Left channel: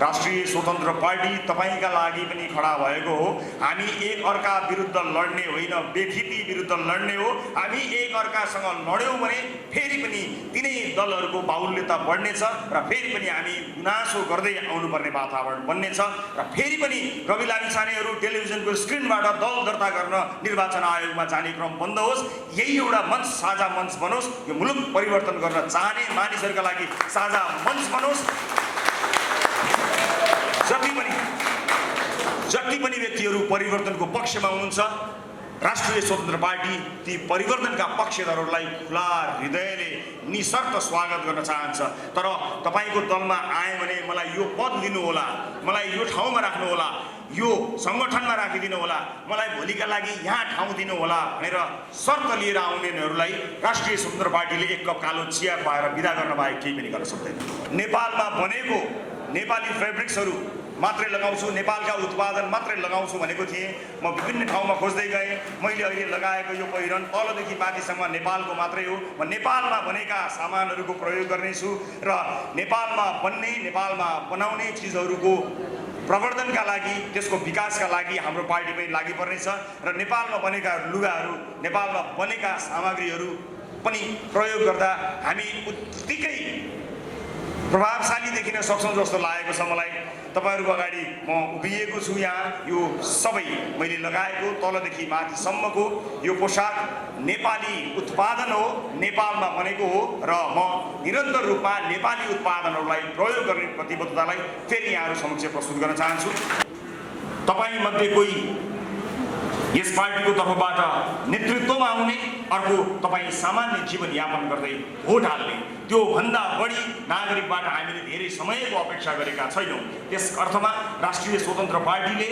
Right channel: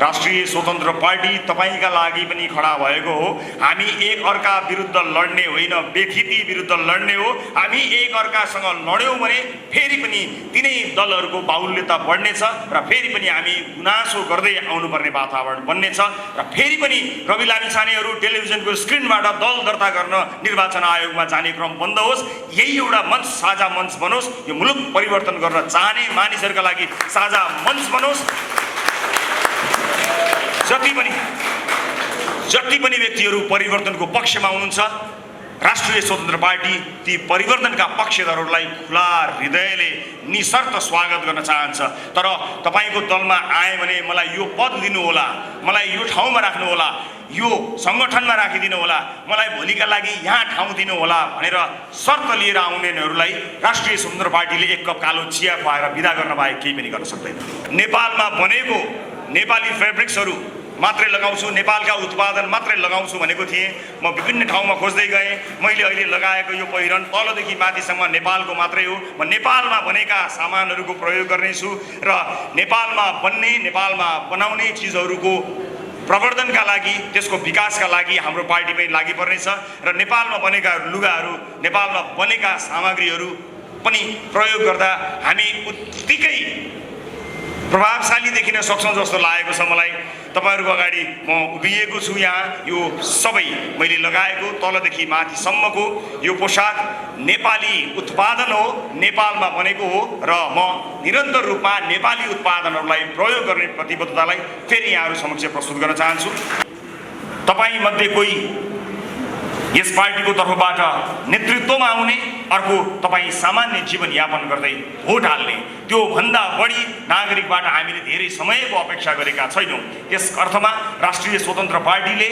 राष्ट्रिय स्वतन्त्र पार्टी तपाईका लागि पनि खडा भएको हो। हामी एक अर्का विरुद्ध लड्ने होइन, व्यक्ति विरुद्ध लड्ने हो। हामी एक अर्कासँग लड्यौँ भने फेरि पनि तिनै दलहरूको बाहुल्यता बढ्नेछ र फेरि पनि हामी गुनासो गर्दै आउनुपर्ने वातावरण बन्नेछ र फेरि पनि रवि लामिछानेहरू टेलिभिजनको स्क्रिनबाट दल दर्ता गर्न निर्वाचन आयोगमा जाने क्रम बन्द होस्। यही एउटा मञ्च, साझा मञ्च बनोस्। यो मुलुक परिवर्तन गर्न चाहने मानिसहरूका लागि साझा मञ्च बनोस्। जति पनि व्यक्तिहरू परिवर्तनको पक्षमा हुनुहुन्छ, राष्ट्रिय स्वतन्त्र पार्टी ती परिवर्तनका पक्षधरहरूलाई खुला हृदयले निशर्त स्वागत गर्न चाहन्छ। तर तपाईको दलमा आए भने मलाई यो पद दिनुहोला, मलाई यो ठाउँमा राख्नुहोला, यो संगठनमा राखिदिनु होला, मलाई भोलिका लागि यहाँ ठाउँ दिनु होला भनेर शर्त लिएर आउनेहरूलाई राष्ट्रिय स्वतन्त्र पार्टीले एक कप कालो चिया खुवाएर विदा गर्न बाहेक केही पनि गर्न सक्दैन। नेपालमा बनेको नेपाली फेब्रिक्सहरू मात्रै लगाउँछु, नेपालका उत्पादन मात्रै लगाउँछु भनेको थिएँ। म विभिन्न ठाउँमा खोज्दै गएँ। मैले अहिले लगाएको यो पहिरन तलदेखि माथिसम्म नेपालको मात्रै हो। म नेपालमा बनेका सामानहरूको प्रयोग गर्नेछु र नेपालमा बन्ने, नेपालमा बनाउने चिजहरूको प्रवर्धनका लागि, त्यसको विकासका लागि हाम्रो पार्टी पनि लागि पर्नेछ र नेपालमा बनेका लुगाहरू, नेपालमा बनेका सामग्रीहरू पनि प्रयोग गर्दा हामी उत्तिकै प्रभावशाली देखिन सक्छौँ जस्तो लागेको छ मलाई। तपाईहरूको अगाडि म उभिएको छु। यहाँ यो सबै मैले लगाएको तलदेखि माथिसम्मको यो पोसाक नेपाली उत्पादन हो, नेपालमा बनेको हो र म निरन्तर रूपमा नेपाली उत्पादनहरूलाई प्रयोग गर्ने प्रतिबद्धतालाई फेरि यहाँहरू समक्ष प्रस्तुत गर्न चाहन्छु। तपाईमध्ये कोही यस पार्टीको तर्फबाट नेतृत्वमा आउने, अर्को तपाईँ सामान्य जीवनयापन गर्दै भोट हाल्ने, त्यो भन्दा बढी नागरिकबाट हामीले धेरै समयको अपेक्षा गरेका छैनौँ। त्यस अर्थमा राष्ट्रिय स्वतन्त्र पार्टीले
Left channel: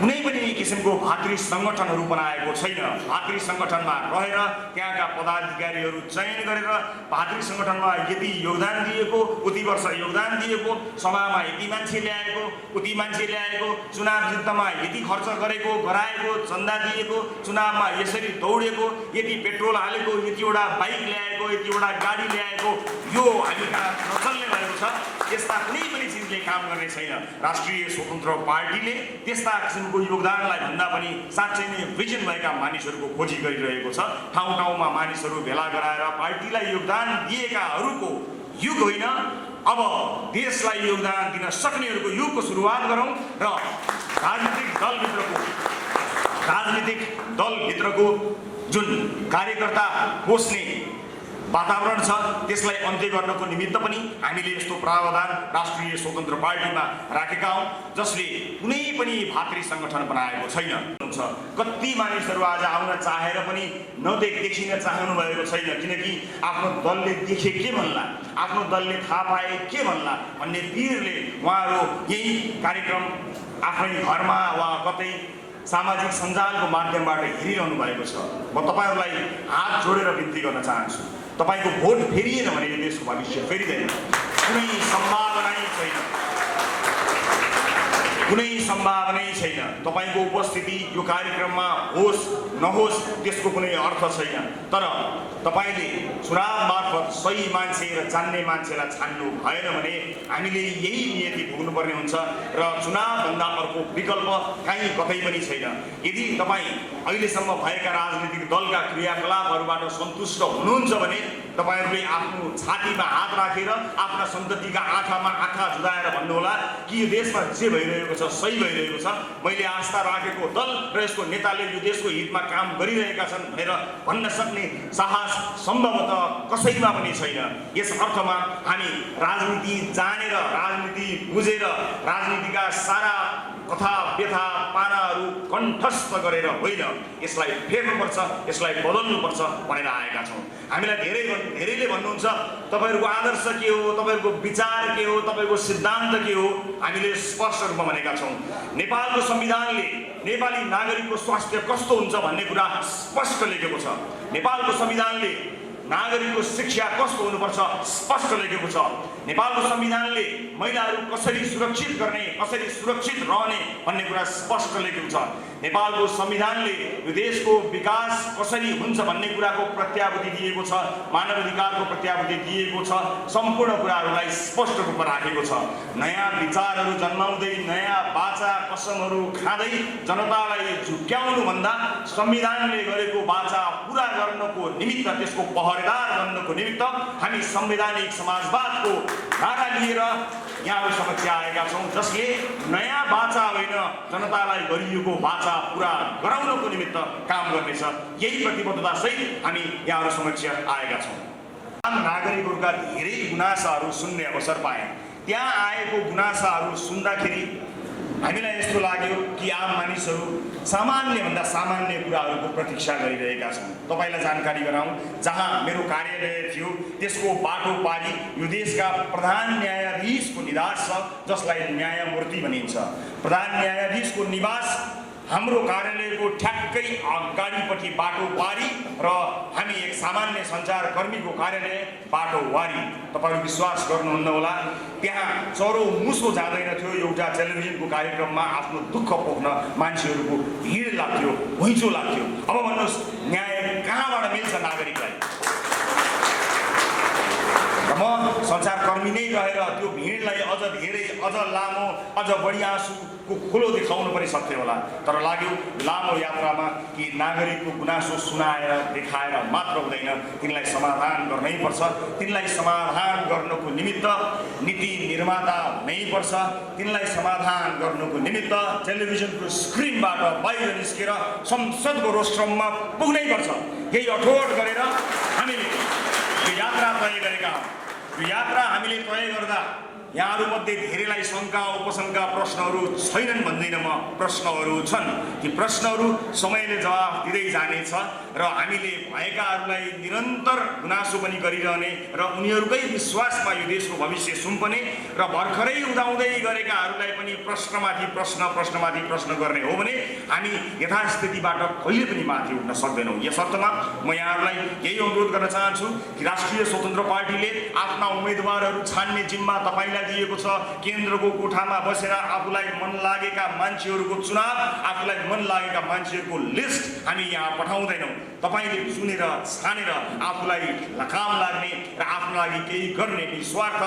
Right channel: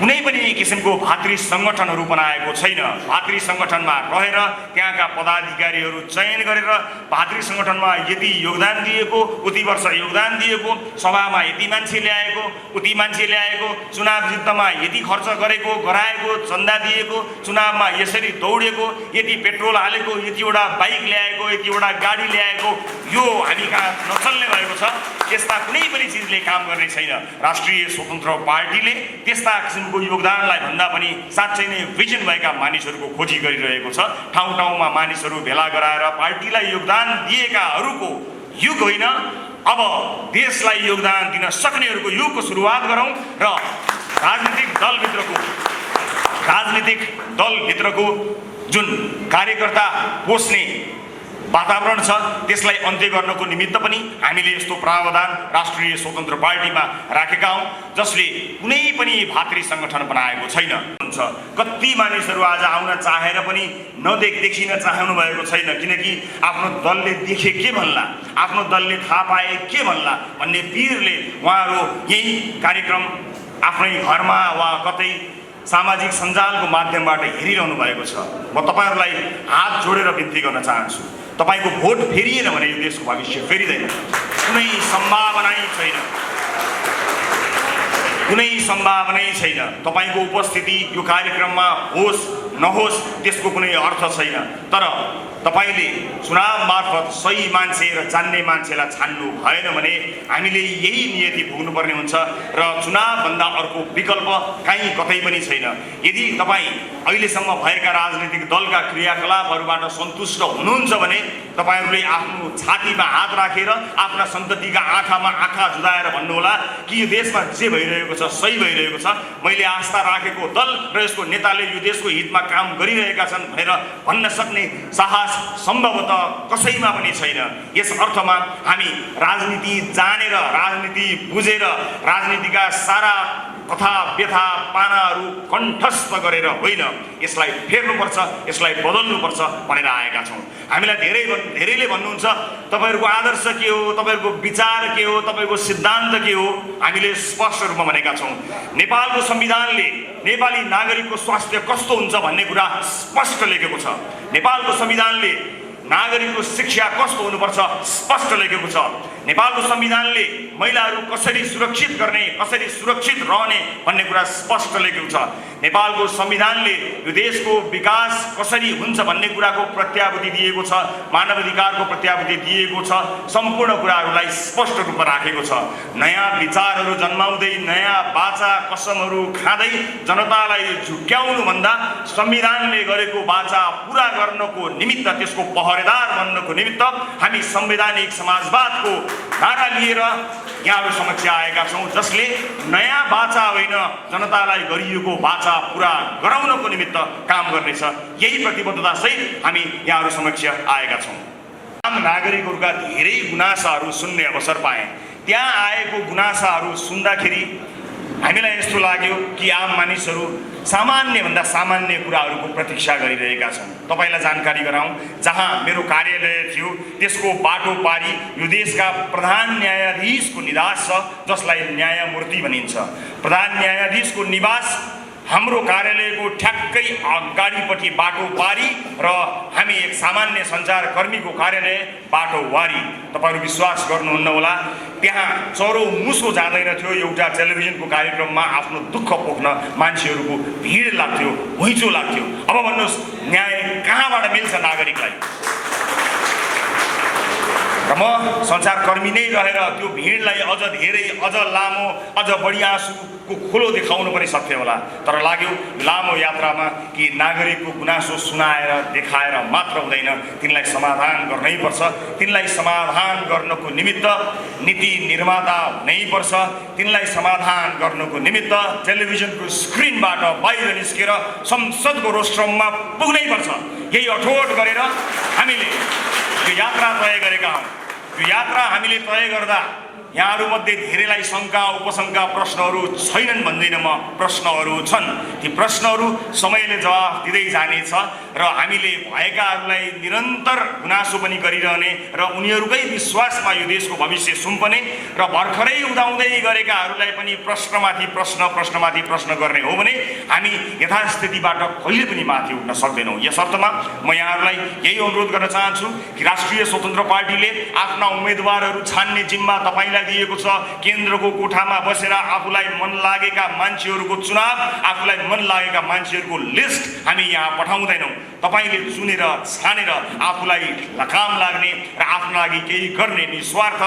कुनै पनि किसिमको भातृ सङ्गठनहरू बनाएको छैन। भातृ सङ्गठनमा रहेर त्यहाँका पदाधिकारीहरू चयन गरेर भातृ सङ्गठनमा यति योगदान दिएको, उति वर्ष योगदान दिएको, सभामा यति मान्छे ल्याएको, उति मान्छे ल्याएको, चुनाव जित्नमा यति खर्च गरेको, गराएको, चन्दा दिएको, चुनावमा यसरी दौडेको, यति पेट्रोल हालेको, यतिवटा बाइक ल्याएको, यतिवटा गाडी ल्याएको, यो हामी कहाँ नचल्ने भएको छ। त्यस्ता कुनै पनि चिजले काम गर्ने छैन। राष्ट्रिय स्वतन्त्र पार्टीले त्यस्ता किसिमको योगदानलाई भन्दा पनि साँच्चै नै भिजन भएका मानिसहरूको खोजी गरिरहेको छ। ठाउँ ठाउँमा मानिसहरू भेला गराएर पार्टीलाई योगदान दिएकाहरूको युग होइन, अब देशलाई योगदान दिन सक्नेहरूको युगको सुरुवात गरौँ र राजनीतिक दलभित्रको जुन कार्यकर्ता पोस्ने वातावरण छ त्यसलाई अन्त्य गर्नको निमित्त पनि हामीले यस्तो प्रावधान राष्ट्रिय स्वतन्त्र पार्टीमा राखेका हौँ, जसले कुनै पनि भातृ सङ्गठन बनाएको छैन। कति मानिसहरू आज आउन चाहेर पनि देखिन चाहनु भएको छैन, किनकि आफ्नो दलले देखे के भन्ला, आफ्नो दलले थाहा पाए के भन्ला भन्ने पिरले उहाँहरू यही कार्यक्रम आफ्नै घरमा वा कतै सामाजिक सञ्जालको माध्यमबाट हेरिरहनु भएको छ। म तपाईहरूलाई हात जोडेर बिन्ती गर्न चाहन्छु, तपाईको भोट फेरिएन भने यो देशको भविष्य फेरिँदैन। कुनै सम्भावनै छैन। तपाईको उपस्थिति यो कार्यक्रममा होस् नहोस् त्यसको कुनै अर्थ छैन। तर तपाईले चुनाव मार्फत सही मान्छे र जान्ने मान्छेलाई छान्नु भएन भने हामीले यही नियति भोग्नुपर्ने हुन्छ र चुनावभन्दा अर्को विकल्प कहीँ कतै पनि छैन। यदि तपाईँ अहिलेसम्म भएका राजनीतिक दलका क्रियाकलापहरूबाट सन्तुष्ट हुनुहुन्छ भने तपाईहरूले आफ्नो छातीमा हात राखेर आफ्ना सन्ततिका आँखामा आँखा जुदाएर भन्नुहोला कि यो देशमा जे भइरहेको छ सही भइरहेको छ, मैले आस्था राखेको दल र यसको नेताले यो देशको हितमा काम गरिरहेका छन् भनेर भन्न सक्ने साहस सम्भवतः कसैमा पनि छैन। यस अर्थमा हामी राजनीति जानेर, राजनीति बुझेर, राजनीतिका सारा कथा व्यथा पानाहरू कण्ठस्थ गरेर होइन, यसलाई फेर्नुपर्छ, यसलाई बदल्नुपर्छ भनेर आएका छौँ। हामीलाई धेरैले भन्नुहुन्छ तपाईँहरूको आदर्श के हो, तपाईँहरूको विचार के हो, तपाईँको सिद्धान्त के हो। हामीले स्पष्ट रूपमा भनेका छौँ, नेपालको संविधानले नेपाली नागरिकको स्वास्थ्य कस्तो हुन्छ भन्ने कुरा स्पष्ट लेखेको छ। नेपालको संविधानले नागरिकको शिक्षा कस्तो हुनुपर्छ स्पष्ट लेखेको छ। नेपालको संविधानले महिलाहरू कसरी सुरक्षित गर्ने, कसरी सुरक्षित रहने भन्ने कुरा स्पष्ट लेखेको छ। नेपालको संविधानले यो देशको विकास कसरी हुन्छ भन्ने कुराको प्रत्याभूति दिएको छ, मानवाधिकारको प्रत्याभूति दिएको छ, सम्पूर्ण कुराहरूलाई स्पष्ट रूपमा राखेको छ। नयाँ विचारहरू जन्माउँदै, नयाँ बाचा कसमहरू खाँदै जनतालाई झुक्क्याउनु भन्दा संविधानले गरेको बाचा पूरा गर्नको निमित्त, त्यसको पहरेदार बन्नको निमित्त हामी संवैधानिक समाजवादको नारा लिएर यहाँहरू समक्ष आएका छौँ, जसले नयाँ बाचा होइन जनतालाई गरिएको बाचा पूरा गराउनको निमित्त काम गर्नेछ। यही प्रतिबद्धता सहित हामी यहाँहरू समक्ष आएका छौँ। आम नागरिकहरूका धेरै गुनासाहरू सुन्ने अवसर पाएँ। त्यहाँ आएको गुनासाहरू सुन्दाखेरि हामीलाई यस्तो लाग्यो कि आम मानिसहरू सामान्यभन्दा सामान्य कुराहरूको प्रतीक्षा गरिरहेका छन्। तपाईँलाई जानकारी गराउँ, जहाँ मेरो कार्यालय थियो त्यसको बाटो पारी यो देशका प्रधान न्यायाधीशको निवास छ, जसलाई न्यायमूर्ति भनिन्छ। प्रधान न्यायाधीशको निवास हाम्रो कार्यालयको ठ्याक्कै अगाडिपट्टि बाटो पारी र हामी एक सामान्य सञ्चारकर्मीको कार्यालय बाटो वारी। तपाईँहरू विश्वास गर्नुहुन्न होला, त्यहाँ चरो मुसो जाँदैन थियो। एउटा टेलिभिजनको कार्यक्रममा आफ्नो दुःख पोख्न मान्छेहरूको भिड लाग्थ्यो, घुइँचो लाग्थ्यो। अब भन्नुहोस्, न्याय कहाँबाट मिल्छ नागरिकलाई? र म सञ्चारकर्मी नै रहेर त्यो भिडलाई अझ धेरै, अझ लामो, अझ बढी आँसुको खोलो देखाउनु पनि सक्थेँ होला। तर लाग्यो लामो यात्रामा कि नागरिकको गुनासो सुनाएर देखाएर मात्र हुँदैन, तिनलाई समाधान गर्नैपर्छ। तिनलाई समाधान गर्नको निमित्त नीति निर्माता हुनैपर्छ। तिनलाई समाधान गर्नको निमित्त टेलिभिजनको स्क्रिनबाट बाहिर निस्केर संसदको रोस्ट्रममा पुग्नैपर्छ। यही अठोट गरेर हामीले यो यात्रा तय गरेका हौँ। यो यात्रा हामीले तय गर्दा यहाँहरूमध्ये धेरैलाई शङ्का उपशङ्का प्रश्नहरू छैनन् भन्दिनँ म, प्रश्नहरू छन्। ती प्रश्नहरू समयले जवाफ दिँदै जानेछ र हामीले भएकाहरूलाई निरन्तर गुनासो पनि गरिरहने र उनीहरूकै विश्वासमा यो देशको भविष्य सुम्पने र भर्खरै उदाउँदै गरेकाहरूलाई पनि प्रश्नमाथि प्रश्न, प्रश्नमाथि प्रश्न गर्ने हो भने हामी यथास्थितिबाट कहिले पनि माथि उठ्न सक्दैनौँ। यस अर्थमा म यहाँहरूलाई यही अनुरोध गर्न चाहन्छु कि राष्ट्रिय स्वतन्त्र पार्टीले आफ्ना उम्मेदवारहरू छान्ने जिम्मा तपाईँलाई दिएको छ। केन्द्रको कोठामा बसेर आफूलाई मन लागेका मान्छेहरूको चुनाव, आफूलाई मन लागेका मान्छेहरूको लिस्ट हामी यहाँ पठाउँदैनौँ। तपाईँले चुनेर छानेर आफूलाई काम लाग्ने र आफ्नो लागि केही गर्ने निस्वार्थ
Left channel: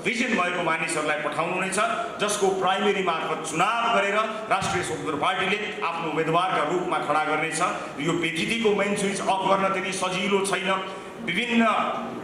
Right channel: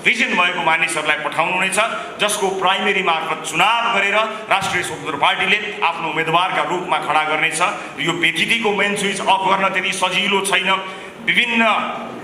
भिजन भएको मानिसहरूलाई पठाउनु हुनेछ, जसको प्राइमेरी मार्फत चुनाव गरेर राष्ट्रिय स्वतन्त्र पार्टीले आफ्नो उम्मेदवारका रूपमा खडा गर्नेछ। यो पेचिटीको मेन स्विच अफ गर्न त्यति सजिलो छैन। विभिन्न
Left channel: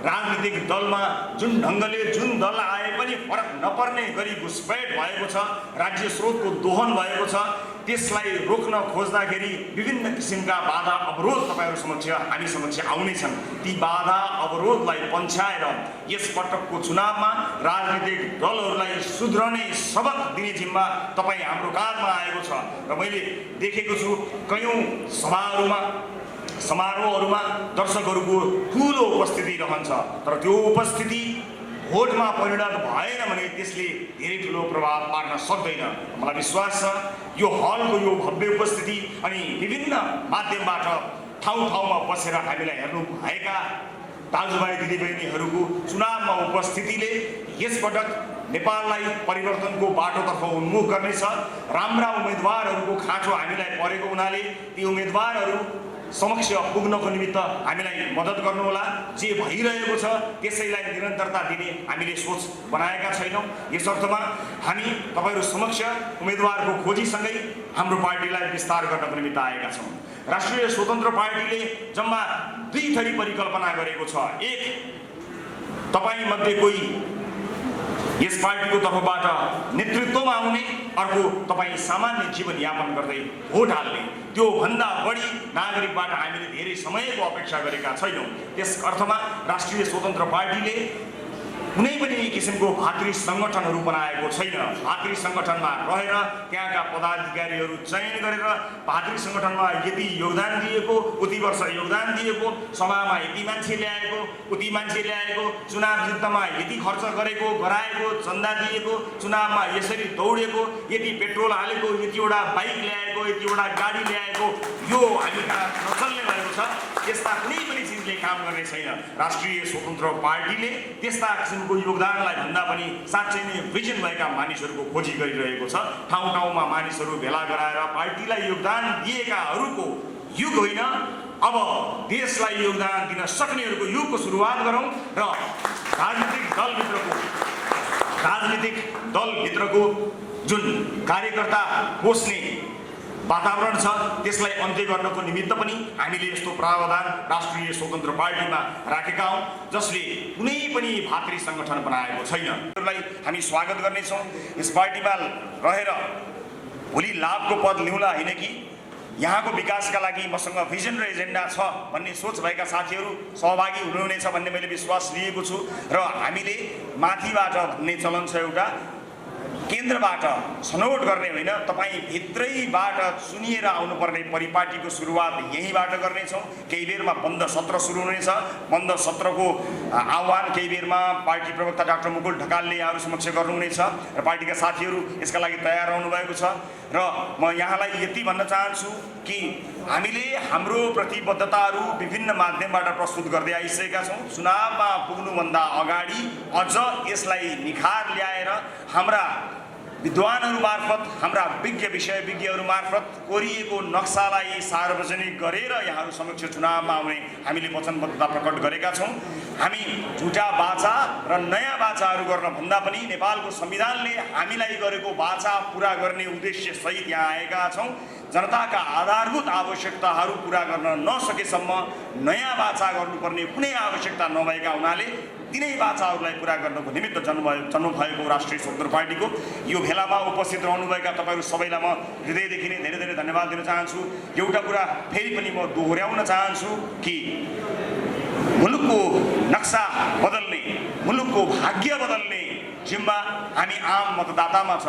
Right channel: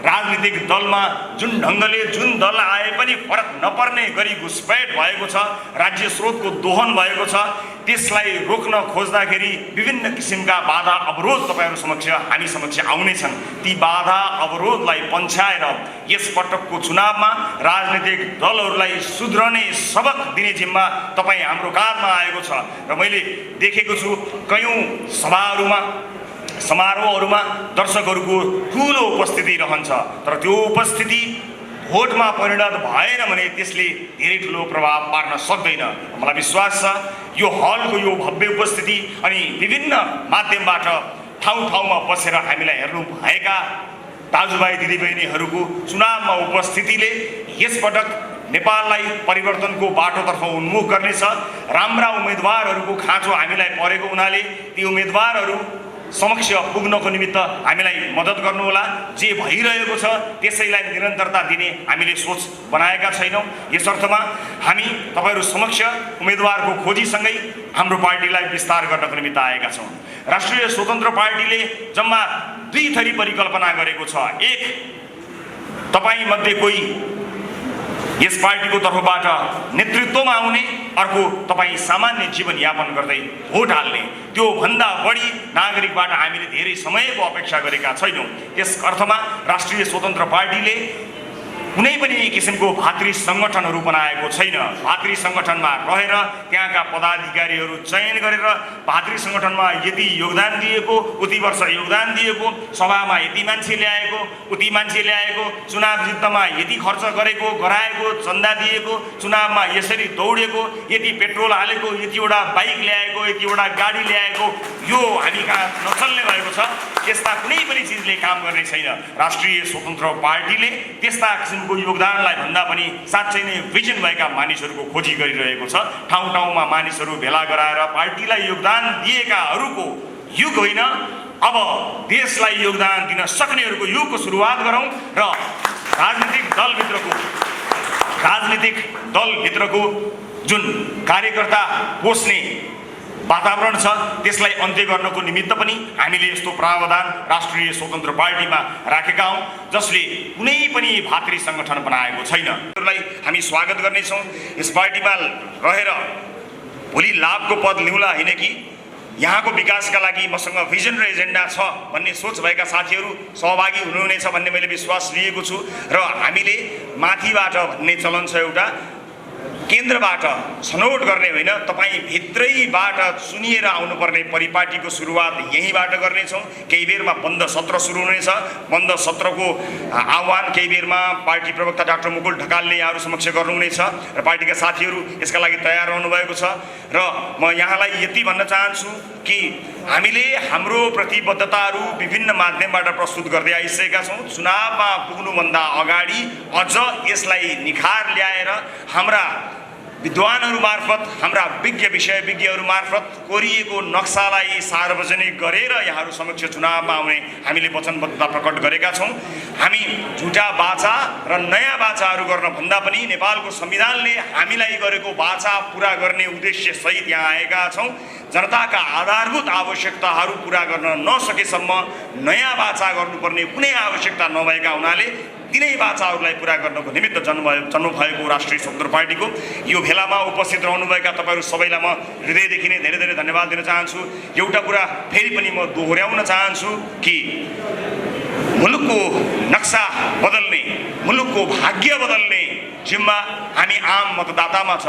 राजनीतिक दलमा जुन ढङ्गले जुन दल आए पनि फरक नपर्ने गरी घुसपैठ भएको छ, राज्य स्रोतको दोहन भएको छ, त्यसलाई रोक्न खोज्दाखेरि विभिन्न किसिमका बाधा अवरोध तपाईँहरू समक्ष, हामी समक्ष आउनेछन्। ती बाधा अवरोधलाई पन्छाएर यस पटकको चुनावमा राजनीतिक दलहरूलाई सुध्रने सबक दिने जिम्मा तपाईँ हाम्रो काँधमा आएको छ। र मैले देखेको छु कयौँ सभाहरूमा, समारोहहरूमा दर्शकहरूको ठुलो उपस्थिति रहन्छ, तर त्यो उपस्थिति भोटमा परिणत भएन भने त्यसले धेरै ठुलो प्रभाव पार्न सक्दैन। मलाई विश्वास छ यो हलको यो भव्य उपस्थिति अनि विभिन्न माध्यमबाट ठाउँ ठाउँमा बसेर हामीलाई हेर्नु भएका दाजुभाइ दिदीबहिनीहरूको चुनावमा उपस्थितिले यसपटक नेपाललाई परिवर्तनको बाटोतर्फ उन्मुख गर्नेछ। राम्रा उम्मेदवारहरूको खाँचो हामीलाई परेको हुनाले ती उम्मेदवारहरू समक्ष पुग्नको निमित्त हामीलाई मद्दत गर्नुहोला। जे भइरहेको छ त्यसैलाई निरन्तरता दिने हामीले सोच बनाएका छैनौँ। यस अर्थमा हामी तपाईँहरू समक्ष उम्मेदवारको खोजीसँगै हाम्रो पार्टीलाई विस्तार गर्नको निमित्त आएका छौँ। राष्ट्रिय स्वतन्त्र पार्टीले जम्मा 2 थरी परिकल्पना गरेको छ। एक, तपाईँमध्ये कोही यस पार्टीको तर्फबाट नेतृत्वमा आउने, अर्को तपाईँ सामान्य जीवनयापन गर्दै भोट हाल्ने। त्यो भन्दा बढी नागरिकबाट हामीले धेरै समयको अपेक्षा गरेका छैनौँ। त्यस अर्थमा राष्ट्रिय स्वतन्त्र पार्टीले कुनै पनि किसिमको भातृ सङ्गठनहरू बनाएको छैन। भातृ सङ्गठनमा रहेर त्यहाँका पदाधिकारीहरू चयन गरेर भातृ सङ्गठनमा यति योगदान दिएको, उति वर्ष योगदान दिएको, सभामा यति मान्छे ल्याएको, उति मान्छे ल्याएको, चुनाव जित्नमा यति खर्च गरेको गराएको, चन्दा दिएको, चुनावमा यसरी दौडेको, यति पेट्रोल हालेको, यतिवटा बाइक ल्याएको, यतिवटा गाडी ल्याएको, यो हामी कहाँ नचल्ने भएको छ। छ। त्यस्ता कुनै पनि चिजले काम गर्ने छैन। राष्ट्रिय स्वतन्त्र पार्टीले त्यस्ता किसिमको योगदानलाई भन्दा पनि साँच्चै नै भिजन भएका मानिसहरूको खोजी गरिरहेको छ। ठाउँ ठाउँमा मानिसहरू भेला गराएर पार्टीलाई योगदान दिएकाहरूको युग होइन, अब देशलाई योगदान दिन सक्नेहरूको युगको सुरुवात गरौँ र राजनीतिक दलभित्रको जुन कार्यकर्ता पोस्ने वातावरण छ त्यसलाई अन्त्य गर्नको निमित्त पनि हामीले यस्तो प्रावधान राष्ट्रिय स्वतन्त्र पार्टीमा राखेका हौँ, जसले कुनै पनि भातृ सङ्गठन बनाएको छैन। हामी स्वागत गर्नेछौँ। यस पार्टीमा रहेर भोलि लाभको पद लिउँला होइन कि यहाँको विकासका लागि मसँग भिजन र एजेन्डा छ भन्ने सोच भएका साथीहरू सहभागी हुनुहुनेछ भन्ने मैले विश्वास लिएको छु। र हामीले माथिबाट भन्ने चलन छ, एउटा केन्द्रबाट छनौट गर्ने होइन, तपाईँ भित्रैबाट चुनिएर आउनुपर्ने परिपाटीको सुरुवात यहीँबाट गर्नेछौँ। केही बेरमा बन्द सत्र सुरु हुनेछ। बन्द सत्रको आह्वान केही बेरमा पार्टी प्रवक्ता डाक्टर मुकुल ढकालले यहाँहरू समक्ष गर्नुहुनेछ र पार्टीका साथीहरू यसका लागि तयार रहनुभएको छ। र म यहाँलाई यति भन्न चाहन्छु कि हामीले हाम्रो प्रतिबद्धताहरू विभिन्न माध्यमबाट प्रस्तुत गर्दै आइसकेका छौँ। चुनावमा पुग्नुभन्दा अगाडि अझ यसलाई निखार ल्याएर हाम्रा विद्वानहरू मार्फत, हाम्रा विषयविज्ञहरू मार्फत कोरिएको नक्सालाई सार्वजनिक गरेर यहाँहरू समक्ष चुनावमा आउने हामीले वचनबद्धता प्रकट गरेका छौँ। हामी झुटा बाचा र नयाँ बाचाहरू गर्न भन्दा पनि नेपालको संविधानले हामीलाई गरेको बाचा पुरा गर्ने उद्देश्य सहित यहाँ आएका छौँ। जनताका आधारभूत आवश्यकताहरू पुरा गर्न नसकेसम्म नयाँ बाचा गर्नुपर्ने कुनै आवश्यकता नभएका हुनाले तिनै बाचाहरूलाई पुरा गर्नको निमित्त जन्म भएको राष्ट्रिय स्वतन्त्र पार्टीको यो भेलामा उपस्थित रहनुभएका तपाईँहरू सबैलाई म हृदयदेखि नै धेरै धेरै धन्यवाद दिन चाहन्छु। एउटा कुरा फेरि पनि म दोहोऱ्याउन चाहन्छु कि मुलुकको नक्सा बदल्ने, मुलुकको भाग्य बदल्ने जिम्मा हामी आम मतदातामा छ।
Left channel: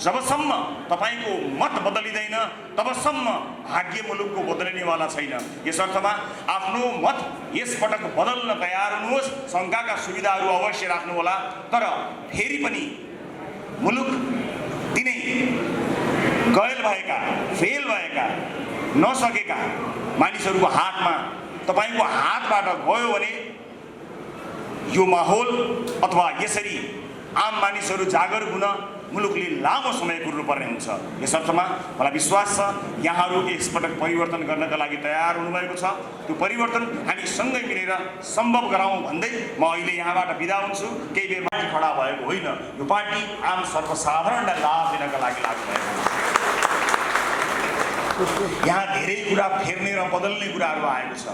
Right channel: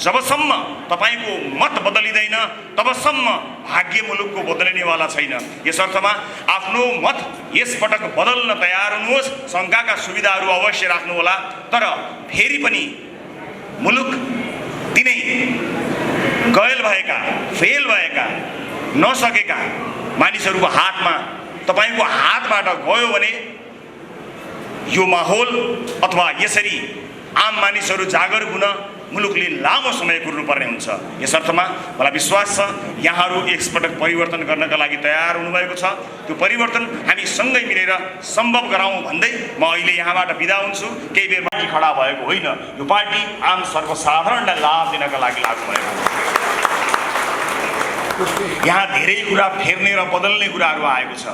जबसम्म तपाईँको मत बदलिँदैन तबसम्म भाग्य मुलुकको बदलिनेवाला छैन। यस अर्थमा आफ्नो मत यसपटक बदल्न तयार हुनुहोस्। शङ्काका सुविधाहरू अवश्य राख्नुहोला, तर फेरि पनि मुलुक तिनै गैल भएका, फेल भएका, नसकेका मानिसहरूको हातमा तपाईँको हातबाट गयो भने यो माहौल अथवा यसरी आम मानिसहरू जागरुक हुन मुलुकले लामो समय कुर्नुपर्ने हुन्छ। यस अर्थमा मलाई विश्वास छ यहाँहरू एकपटक परिवर्तन गर्नका लागि तयार हुनुभएको छ। त्यो परिवर्तन हामी सँगै मिलेर सम्भव गराउँ भन्दै म अहिले यहाँबाट बिदा हुन्छु। केही बेर पार्टी खडा भएको होइन, यो पार्टी आम सर्वसाधारणलाई लाभ दिनका लागि लाग्नु भएको हो। यहाँ धेरै कुरा फेर्ने र बदल्ने कुराहरू आएको छ।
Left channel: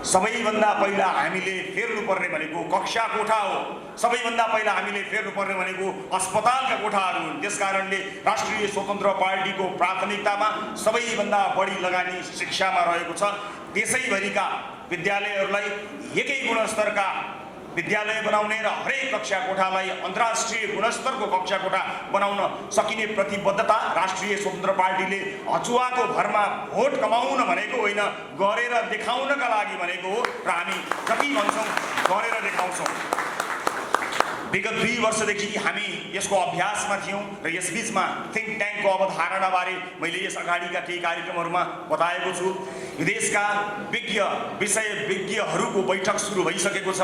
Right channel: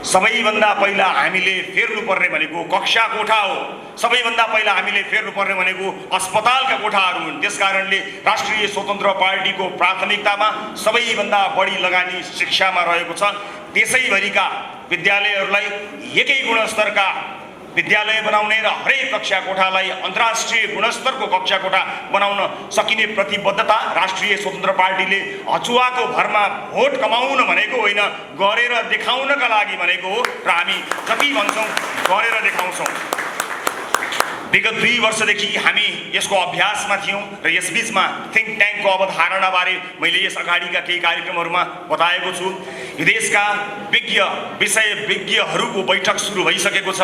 सबैभन्दा पहिला हामीले फेर्नुपर्ने भनेको कक्षा कोठा हो। सबैभन्दा पहिला हामीले फेर्नुपर्ने भनेको अस्पतालका कोठाहरू हुन्। त्यसकारणले राष्ट्रिय स्वतन्त्र पार्टीको प्राथमिकतामा सबैभन्दा बढी लगानी शिक्षामा रहेको छ। देशैभरिका विद्यालयहरूलाई एकै गुणस्तरका विद्यालय बनाउने र हरेक कक्षा कोठालाई अन्तर्राष्ट्रिय गुणस्तरको कक्षा कोठा बनाउन सकिने प्रतिबद्धता राष्ट्रिय स्वतन्त्र पार्टीले अचुवाको भरमा भोट कमाउन भनेको होइन, गरेर देखाउनका लागि भनेको हो। र हामी जति भन्छौँ गरेर देखाउँछौँ। विगत 2 वर्षदेखि हामी यसको अभ्यासमा थियौँ र यसबीचमा थिङ्क ट्याङ्कको अवधारणाबारे मैले यस अगाडिका केही कार्यक्रमहरूमा बताएको छु। विदेशका विषयविज्ञहरूको बैठक सुरु भइसकेको छ।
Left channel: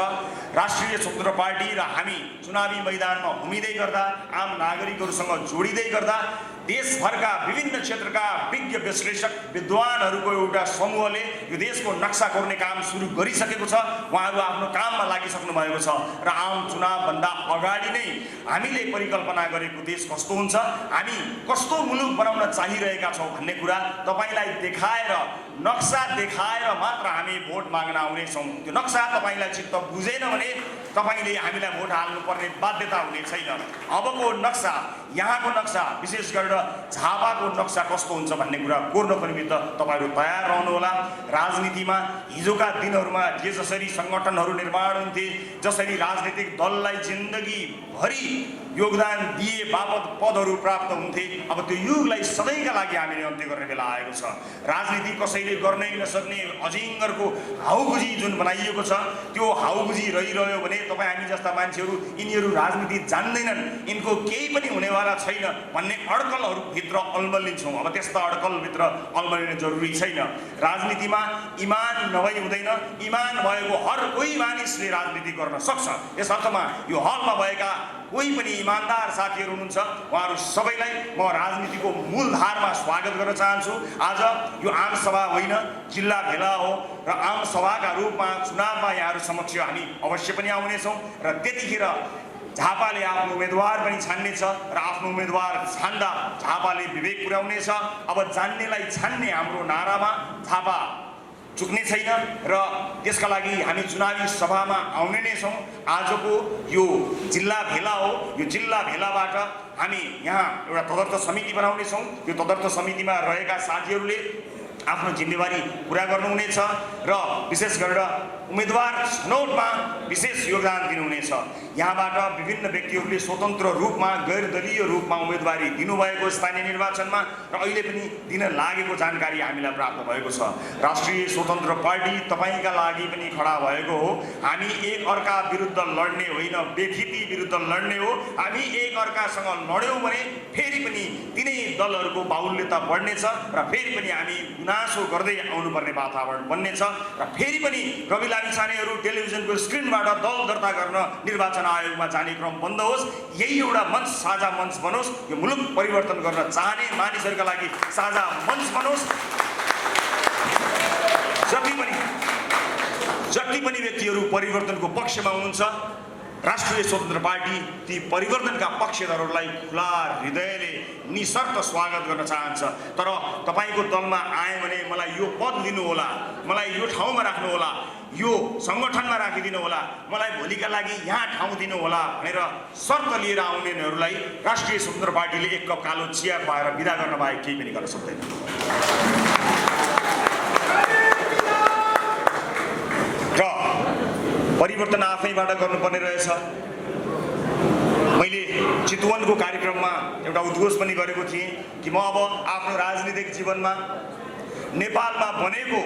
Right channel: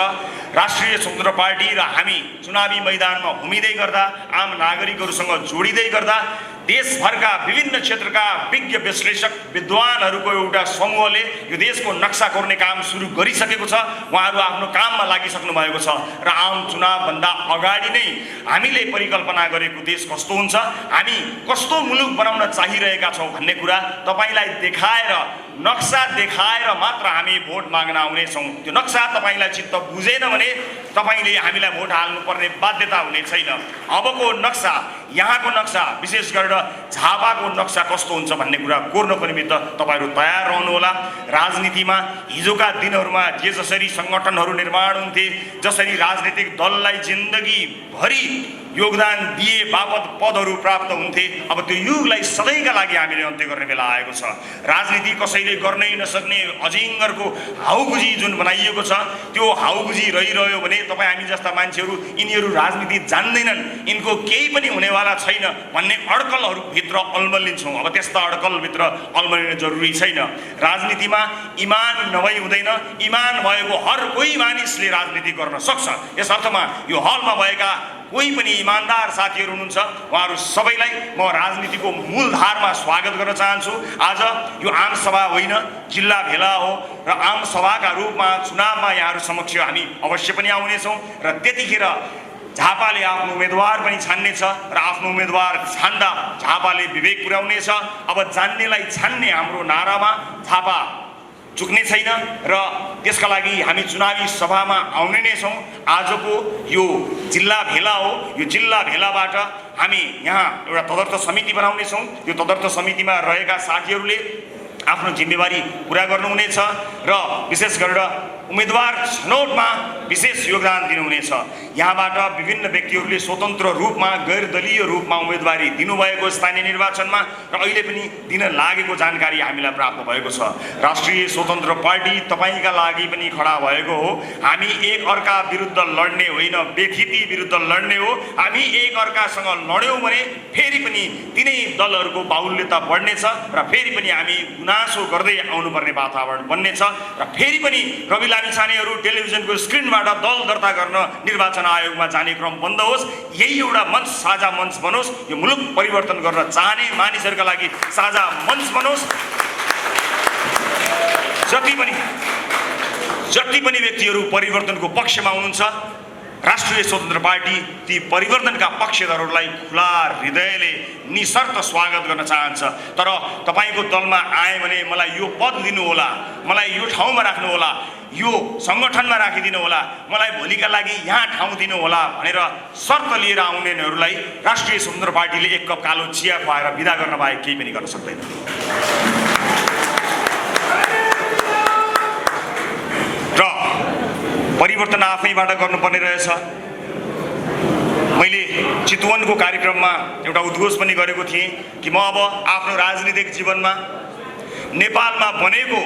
राष्ट्रिय स्वतन्त्र पार्टी र हामी चुनावी मैदानमा घुमिँदै गर्दा, आम नागरिकहरूसँग जोडिँदै गर्दा देशभरका विभिन्न क्षेत्रका विज्ञ विश्लेषक विद्वानहरूको एउटा समूहले यो देशको नक्सा कोर्ने काम सुरु गरिसकेको छ। उहाँहरू आफ्नो काममा लागिसक्नु भएको छ र आम चुनावभन्दा अगाडि नै हामीले परिकल्पना गरेको देश कस्तो हुन्छ, हामी कस्तो मुलुक बनाउन चाहिरहेका छौँ भन्ने कुरा तपाईँलाई देखाएर, नक्सा देखाएर मात्र हामी भोट माग्न आउनेछौँ। त्यो नक्सा तपाईँलाई चित्त बुझेन भने तपाईँले हामीलाई भोट हाल्नुपर्ने बाध्यता हुने छैन। अबको नक्सा, यहाँको नक्सा, विशेष गरेर झापाको नक्सा कस्तो हुन्छ भन्ने कुरा कोर्नको निमित्त तपाईँहरू तयार रहनुहोला। राजनीतिमा हिजोका दिनहरूमा जे जसरी सङ्गठनहरू निर्माण हुन्थे, जसरी राजनीतिक दललाई जिन्दगीभरि योगदान दिए बापत पदहरू प्राप्त हुन्थे। अब त्यो युगलाई सधैँका लागि हामीले अन्त्य गर्ने बेला आएको छ। राजनीति कसैले गर्नै नसक्ने अजिङ्गरको हाउगुजी जुन बनाइएको छ त्यो हाउगुजी रहिरह्यो भने तपाईँ हामी जस्ता मान्छेहरू यिनीहरू राजनीति जान्दैनन्, यिनको केही पनि हुनेवाला छैन भन्ने अड्कलहरू भित्र अल्मलिन्छौँ। अब त्यस्ता अड्कलभित्र अल्मलिन जरुरी छैन। राजनीतिमा इमान नभई हुँदैन। इमान भएको हर कोही मानिसले राजनीति गर्न सक्छ। यस अर्थमा यो हलमा भएका कोही पनि इमानदार साथीहरू हुनुहुन्छ, उहाँहरू सबैलाई म राजनीतिको मूलधारमा स्वागत गर्न चाहन्छु। आज यो आम सभा होइन, जिल्ला भेला हो र आम सभाका रूपमा चुनावमा यहाँहरू समक्ष हामी अवश्य पनि आउनेछौँ र त्यतिखेर झापाले आफ्नो उम्मेदवार पनि छान्नेछ र आफ्नो उम्मेदवार छान्दा झापाले विवेक पुर्याउनेछ। अब जान्नेलाई छान्ने हाम्रो नारामा झापा चुक्ने छैन र त्यसका लागि हामी चुनावी सभामा आउने नै छौँ। आजको यो जिल्ला भेला हो। यो जिल्ला भेलाबाट हामी यहाँ एउटा तदर्थ समिति बनाउनेछौँ। यो तदर्थ समितिमा रहेका साथीहरूले आफ्नो जिम्मेवारी पुरा गर्नुहुनेछ र विशेष गरेर उम्मेदवार छनौटमा विशेष योगदान दिनुहुनेछ। यहाँबाट विभिन्न व्यक्तिहरूले स्वतन्त्र रूपमा गैर दलीय रूपमा उम्मेदवारी दिनुभएको स्थानीय निर्वाचनमा र अहिले पनि दिन लागेको जानकारी हामीलाई प्राप्त भएको छ। राष्ट्रिय स्वतन्त्र पार्टी तपाईँका लागि पनि खडा भएको हो। हामी एक अर्का विरुद्ध लड्ने होइन, व्यक्ति विरुद्ध लड्ने हो। हामी एक अर्कासँग लड्यौँ भने फेरि पनि तिनै दलहरूको बाहुल्यता बढ्नेछ र फेरि पनि हामी गुनासो गर्दै आउनुपर्ने वातावरण बन्नेछ र फेरि पनि रवि लामिछानेहरू टेलिभिजनको स्क्रिनबाट दल दर्ता गर्न निर्वाचन आयोगमा जाने क्रम बन्द होस्। यही एउटा मञ्च, साझा मञ्च बनोस्। यो मुलुक परिवर्तन गर्न चाहने मानिसहरूका लागि साझा मञ्च बनोस्। जति पनि व्यक्तिहरू परिवर्तनको पक्षमा हुनुहुन्छ, राष्ट्रिय स्वतन्त्र पार्टी ती परिवर्तनका पक्षधरहरूलाई खुला हृदयले निशर्त स्वागत गर्न चाहन्छ। तर तपाईँको दलमा आए भने मलाई यो पद दिनुहोला, मलाई यो ठाउँमा राख्नुहोला, यो सङ्गठनमा राखिदिनु होला, मलाई भोलिका लागि यहाँ ठाउँ दिनुहोला भनेर शर्त लिएर आउनेहरूलाई राष्ट्रिय स्वतन्त्र पार्टीले एक कप कालो चिया खुवाएर विदा गर्न बाहेक केही पनि गर्न सक्दैन। र परिवर्तन आफैबाट गर्नुपर्ने रहेछ। मैले चितवनको कार्यक्रममा एउटा उद्घोष पनि गरेको थिएँ कि म अब आफ्नो राजनीतिक जीवनमा नेपालमा बनेको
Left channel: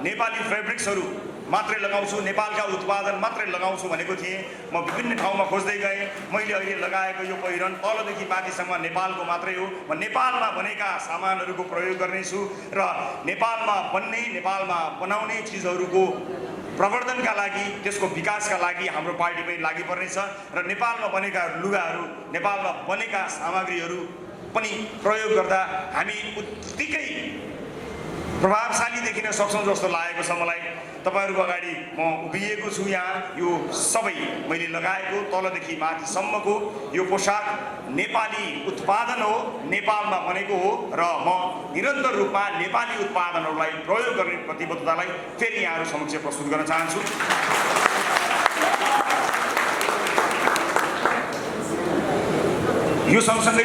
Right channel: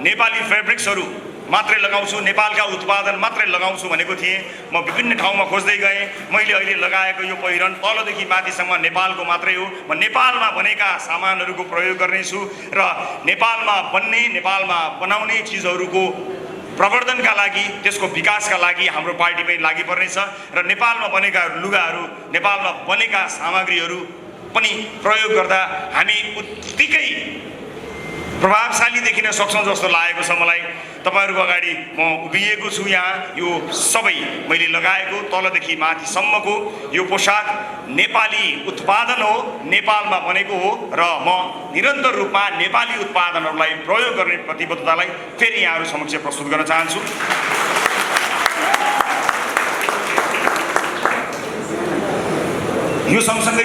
नेपाली फेब्रिक्सहरू मात्रै लगाउँछु, नेपालका उत्पादन मात्रै लगाउँछु भनेको थिएँ। म विभिन्न ठाउँमा खोज्दै गएँ। मैले अहिले लगाएको यो पहिरन तलदेखि माथिसम्म नेपालको मात्रै हो। म नेपालमा बनेका सामानहरूको प्रयोग गर्नेछु र नेपालमा बन्ने, नेपालमा बनाउने चिजहरूको प्रवर्धनका लागि, त्यसको विकासका लागि हाम्रो पार्टी पनि लागि पर्नेछ र नेपालमा बनेका लुगाहरू, नेपालमा बनेका सामग्रीहरू पनि प्रयोग गर्दा हामी उत्तिकै प्रभावशाली देखिन सक्छौँ जस्तो लागेको छ मलाई। तपाईँहरूको अगाडि म उभिएको छु। यहाँ यो सबै मैले लगाएको तलदेखि माथिसम्मको यो पोसाक नेपाली उत्पादन हो, नेपालमा बनेको हो र म निरन्तर रूपमा नेपाली उत्पादनहरूलाई प्रयोग गर्ने प्रतिबद्धतालाई फेरि यहाँहरू समक्ष प्रस्तुत गर्न चाहन्छु। यो सँगसँगै